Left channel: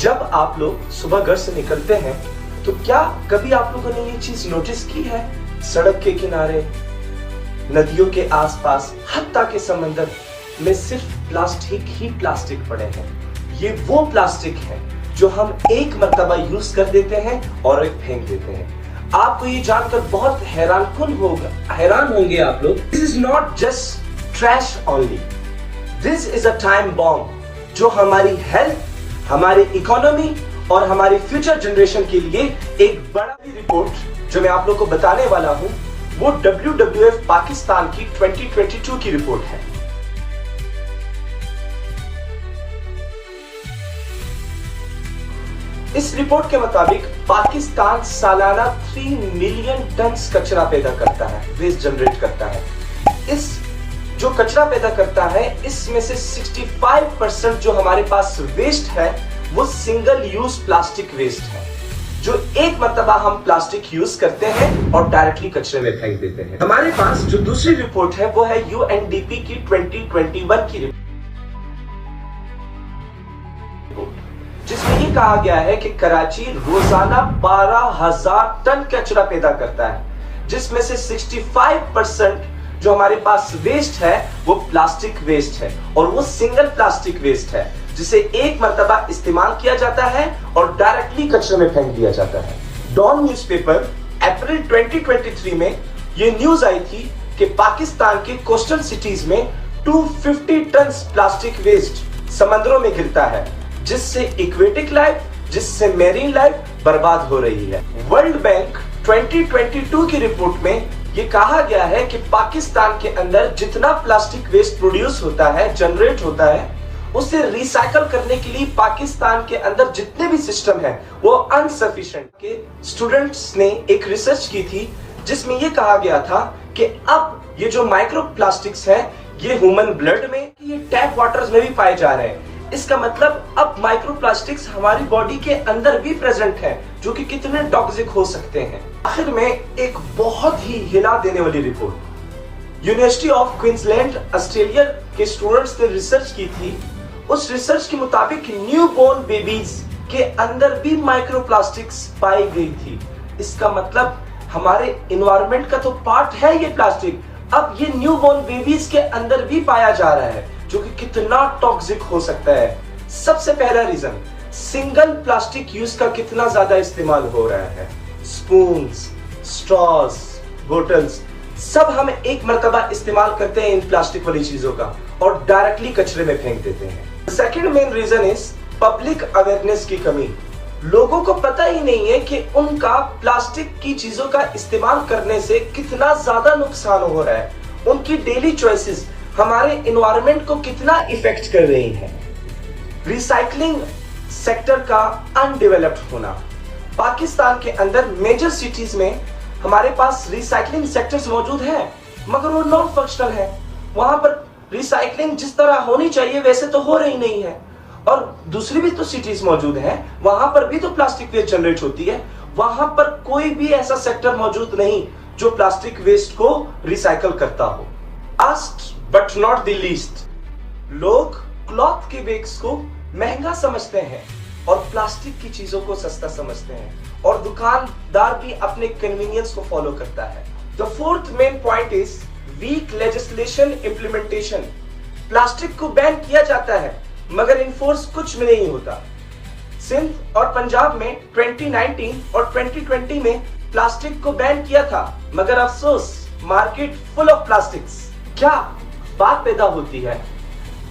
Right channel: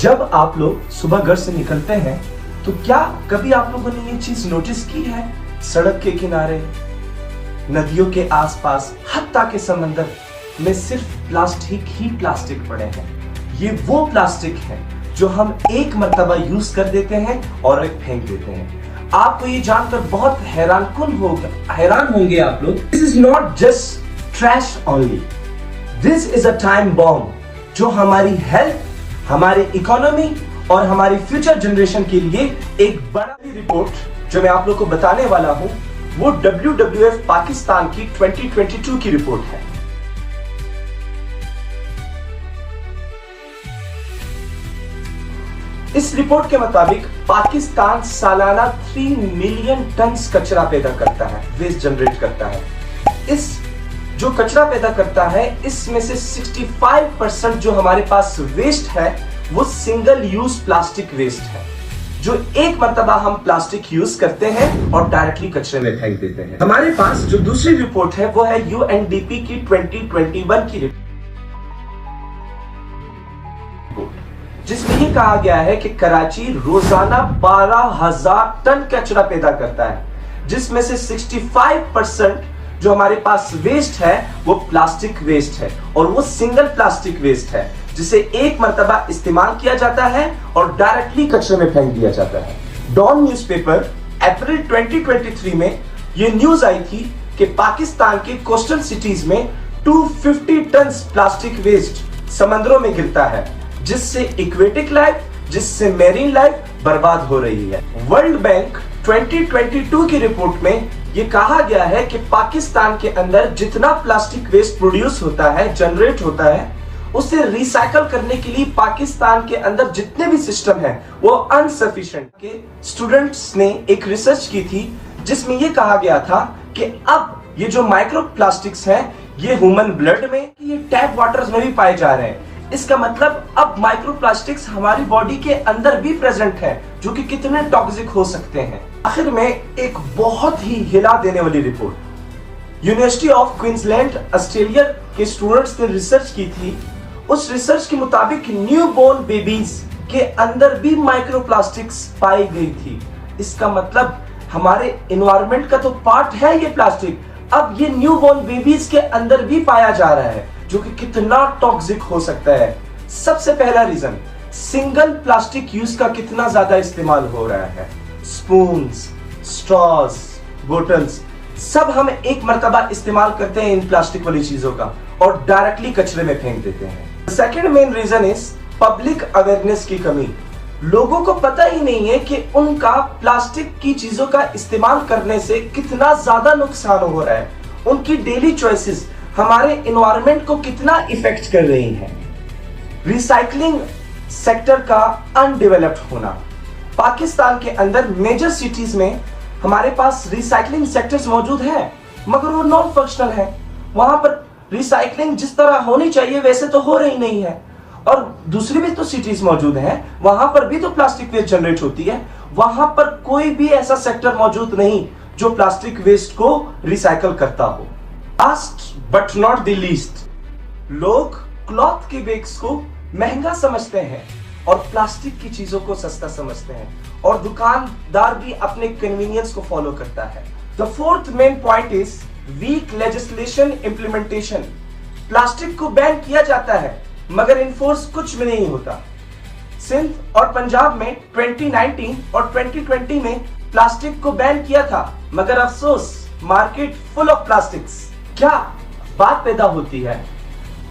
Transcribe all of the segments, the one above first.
जब आप लोग सुबह घर से निकलते हैं तो क्या कभी आप लोगों ने ये चीज नोटिस की है, सड़क के किनारे, नदियों के आसपास, हत्ता के समंदर में सिर्फ प्लास्टिक ही प्लास्टिक पड़े हैं। ये वो प्लास्टिक है जो हम एक मर्तबा यूज कर देते हैं और एक फेंक देते हैं। आपको ये जानकर बहुत हैरान होंगे आप लोग। This is not just trash only, this is a time bomb जो हमारी हेल्थ, हमारी इकोनॉमी और हमारी फ्यूचर जनरेशन के लिए एक बड़ा रिपोर्ट जो मैं आप लोग को बताने वाला हूं वो WWF पाकिस्तान की 2022 की रिपोर्ट है। इस रिपोर्ट के मुताबिक पाकिस्तान सालाना 3 मिलियन टन कचरा पैदा करता है, वेस्ट जनरेट करता है। इस जो कचरा पैदा करता है इसमें से 65% जो हमारे पास वेस्ट है वो सिंगल यूज प्लास्टिक वेस्ट है, जो एक मर्तबा हम प्लास्टिक यूज करते हैं और डायरेक्टली कचरे में फेंक देते हैं। हमारे पास जो दूसरी रिपोर्ट है वो है UNDP की 2021 की रिपोर्ट, जिसमें ये कहा गया है कि कराची रोजाना 12,000 टन कचरा पैदा करता है, जिसमें से 65% जो हमारे पास वेस्ट है वो प्लास्टिक वेस्ट है और वो सिंगल प्लास्टिक वेस्ट है जिसे एक मर्तबा इस्तेमाल किया जाता है और डायरेक्टली कचरे में फेंक दिया जाता है। डॉन न्यूज़पेपर अप्रैल 2023 में ये न्यूज आई थी कि पाकिस्तान के कोस्टल सिटीज में 250 टन प्लास्टिक वेस्ट समंदरों में गिरता है, जिससे इक्वेटिक लाइफ, जिससे मेरीन लाइफ बर्बाद हो रही है। वर्ल्ड बैंक 2022 की रिपोर्ट में ये कहा गया है कि पाकिस्तान के अंदर जितना प्लास्टिक वेस्ट प्रोड्यूस होता है, जनरेट होता है, उसे रिसाइकल करने के लिए पाकिस्तान के अंदर जितने भी सिस्टम हैं वो अनसफिशिएंट। के स्टूडेंट्स ने एक रिसर्च की थी जिसमें ये कहा गया था कि अब ये जो माइक्रो प्लास्टिक्स हैं ये ह्यूमन ब्लड में, ये टैप वाटर्स में भी पाए जा रहे हैं। इसका मतलब अब माइक्रो प्लास्टिक्स हमारी बॉडी के अंदर भी प्रेजेंट है, जो कि कितने टॉक्सिक हो सकते हैं। आखिर में एक बहुत ही हिला देने वाली report university of Queensland Australia के स्टूडेंट्स ने रिसर्च की थी। उस रिसर्च के मुताबिक न्यू बोर्न बेबीज के अंदर भी माइक्रो प्लास्टिक्स पाई गई थी। इसका मतलब हमारे एनवायरनमेंट का तो पार्ट है ये प्लास्टिक, अब ये न्यू बोर्न बेबीज के अंदर भी पाया जा रहा है, जो कि कितना टॉक्सिक हो सकता है। सबसे पहला रीजन, सिंगल प्लास्टिक यूज का कितना ज्यादा इस्तेमाल हो रहा है। स्पून्स, स्ट्रॉज, बोटल्स सब हम एक मर्तबा इस्तेमाल करते हैं इन प्लास्टिक वाली चीजों का और डायरेक्टली कचरे में फेंक देते हैं। Second main reason is public awareness की कमी। लोगों को पता ही नहीं है कि उनका प्लास्टिक की चीजों का इस्तेमाल करने से कितना ज्यादा नुकसान हो रहा है। उनकी डेली चॉइसेस हमारे एनवायरनमेंट को कितना इफेक्ट कर रही है। रिसाइकलिंग सेक्टर का अनडेवलप्ड होना। पाकिस्तान के अंदर मेजर सिटीज में हमारे पास रिसाइकलिंग सेक्टर्स मौजूद है, मगर वो नॉन फंक्शनल है। वहां पर रिसाइकलिंग जिस तरह होनी चाहिए वैसे तो हो रही नहीं है। और दूसरी भी तो सिटीज मौजूद हैं, वहां पर भी तो प्लास्टिक वेस्ट जनरेट होती है। वहां पर कोई भी ऐसा सेक्टर मौजूद नहीं जो प्लास्टिक वेस्ट को रिसाइकल करता हो। Last but not the least, लोग क्लॉथ के बैग्स को महंगा समझते हैं और प्लास्टिक की चीजों को सस्ता समझते हैं, और दुकानदार भी अपने कन्वीनियंस को फॉलो करता है। The fourth main point is weak legislation implementation. Plastic को बैन किया जाता है मगर इन्फोर्स कुछ भी नहीं होता। सिंध और पंजाब में 2019 और 2020 में प्लास्टिक को बैन किया था, मगर अफसोस मार्केट फुल ऑफ प्लास्टिक्स। क्या बात पैदा होती है,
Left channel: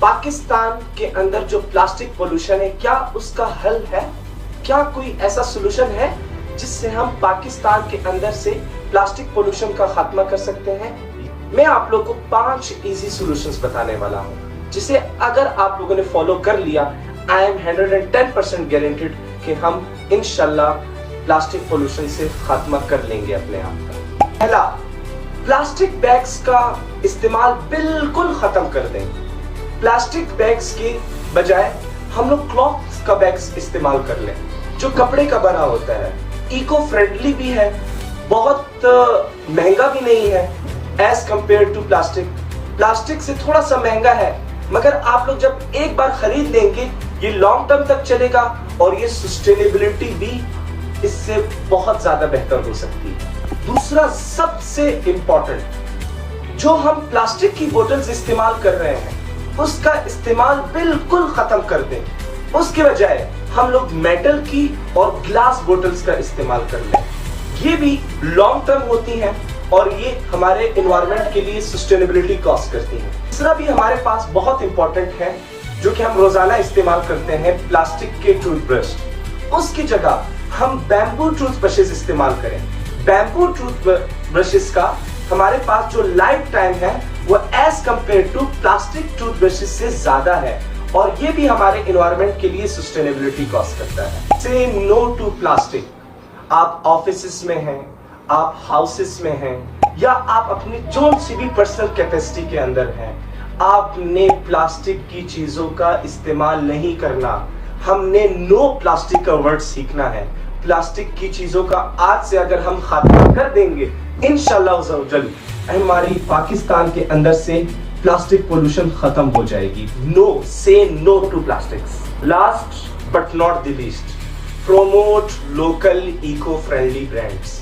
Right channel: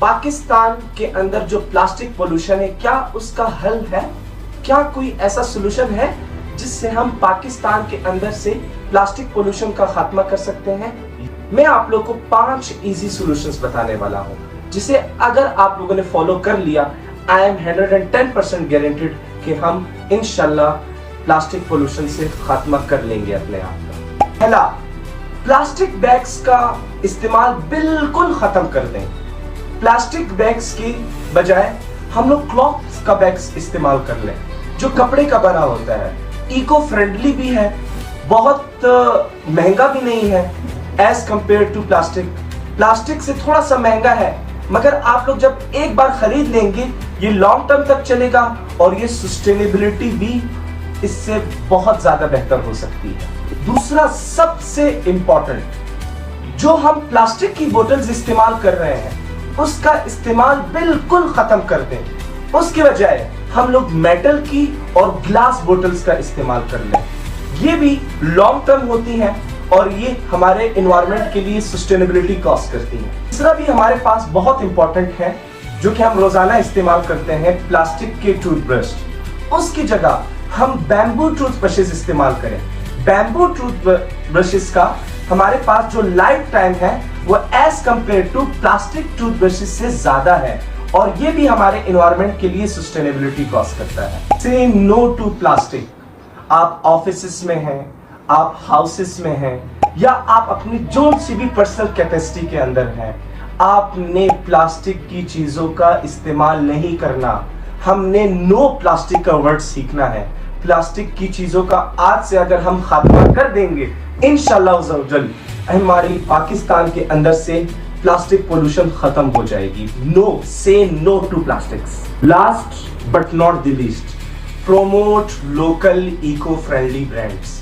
पाकिस्तान के अंदर जो प्लास्टिक पोल्यूशन है क्या उसका हल है? क्या कोई ऐसा सोल्यूशन है जिससे हम पाकिस्तान के अंदर से प्लास्टिक पोल्यूशन का खात्मा कर सकते हैं? मैं आप लोग को 5 इजी सॉल्यूशंस बताने वाला हूं, जिसे अगर आप लोगों ने फॉलो कर लिया, आई एम 110% गारंटेड कि हम इंशाल्लाह प्लास्टिक पोल्यूशन से खात्मा कर लेंगे अपने आप। पहला, प्लास्टिक बैग्स का इस्तेमाल बिल्कुल खत्म कर दें। प्लास्टिक बैग्स के बजाय हम लोग क्लॉथ का बैग्स इस्तेमाल कर लें, जो कपड़े का बना होता है, इको फ्रेंडली भी है, बहुत महंगा भी नहीं है as compare to plastic. Plastic से थोड़ा सा महंगा है मगर आप लोग जब एक बार खरीद लेंगे ये लॉन्ग टर्म तक चलेगा और ये सस्टेनेबिलिटी भी इससे बहुत ज्यादा बेहतर हो सकती है। दूसरा सबसे इंपॉर्टेंट, जो हम प्लास्टिक की बोतल्स इस्तेमाल कर रहे हैं उसका इस्तेमाल बिल्कुल खत्म कर दें। उसके बजाय हम लोग मेटल की और ग्लास बोतल्स का इस्तेमाल कर लें। ये भी लॉन्ग टर्म होती हैं और ये हमारे एनवायरनमेंट के लिए सस्टेनेबिलिटी कॉस्ट करती है। तीसरा भी हमारे पास बहुत इंपॉर्टेंट है जो कि हम रोजाना इस्तेमाल करते हैं, प्लास्टिक के टूथब्रश। उसकी जगह हम बैम्बू टूथब्रशेस इस्तेमाल करें। बैम्बू टूथब्रशेस का हमारे पास जो लाइफ टाइम है वो as compare to plastic toothbrushes से ज्यादा है और ये भी हमारे एनवायरनमेंट के लिए सस्टेनेबिलिटी कॉस्ट करता है। से नो टू प्लास्टिक। आप ऑफिसेस में हैं, आप हाउसेस में हैं या आप अपनी जो सी भी पर्सनल कैपेसिटी के अंदर हैं, आपने प्लास्टिक की चीजों का इस्तेमाल नहीं करना। हमने नो प्लास्टिक का वर्ड सीखना है। प्लास्टिक की चीजों का आज से अगर हम खात्मा कर देंगे इंशाल्लाह हमारे पाकिस्तान के अंदर से प्लास्टिक पोल्यूशन खत्म हो जाएगी। No, say no to plastics. Last but not the least, promote local eco friendly brands.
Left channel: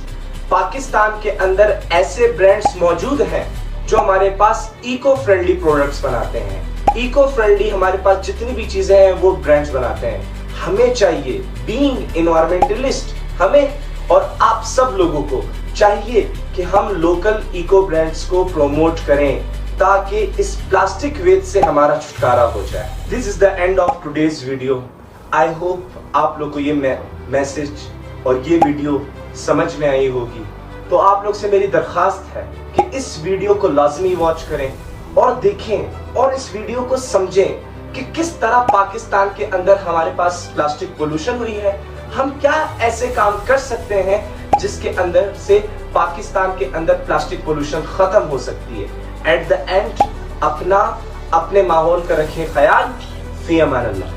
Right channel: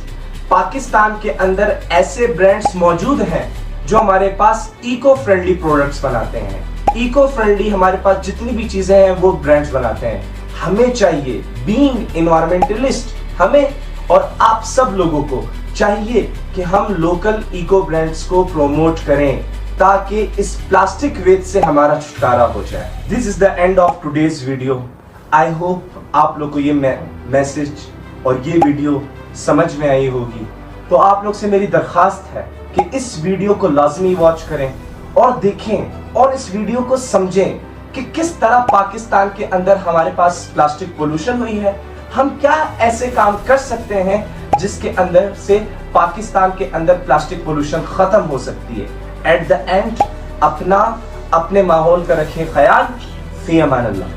Pakistan के अंदर ऐसे ब्रांड्स मौजूद हैं जो हमारे पास इको फ्रेंडली प्रोडक्ट्स बनाते हैं। इको फ्रेंडली हमारे पास जितनी भी चीजें हैं वो ब्रांड्स बनाते हैं। हमें चाहिए, बीइंग एनवायरमेंटलिस्ट, हमें और आप सब लोगों को चाहिए कि हम लोकल इको ब्रांड्स को प्रमोट करें ताकि इस प्लास्टिक वेस्ट से हमारा छुटकारा हो जाए। This is the end of today's video. I hope आप लोग को ये मैसेज और ये वीडियो समझ में आई होगी। तो आप लोग से मेरी दरखास्त है कि इस वीडियो को लाजमी वॉच करें और देखें और इस वीडियो को समझें कि किस तरह पाकिस्तान के अंदर हमारे पास प्लास्टिक पोल्यूशन हुई है। हम क्या ऐसे काम कर सकते हैं जिसके अंदर से पाकिस्तान के अंदर प्लास्टिक पोल्यूशन खत्म हो सकती है। एट द एंड अपने माहौल का रखें ख्याल। फी अमान अल्लाह।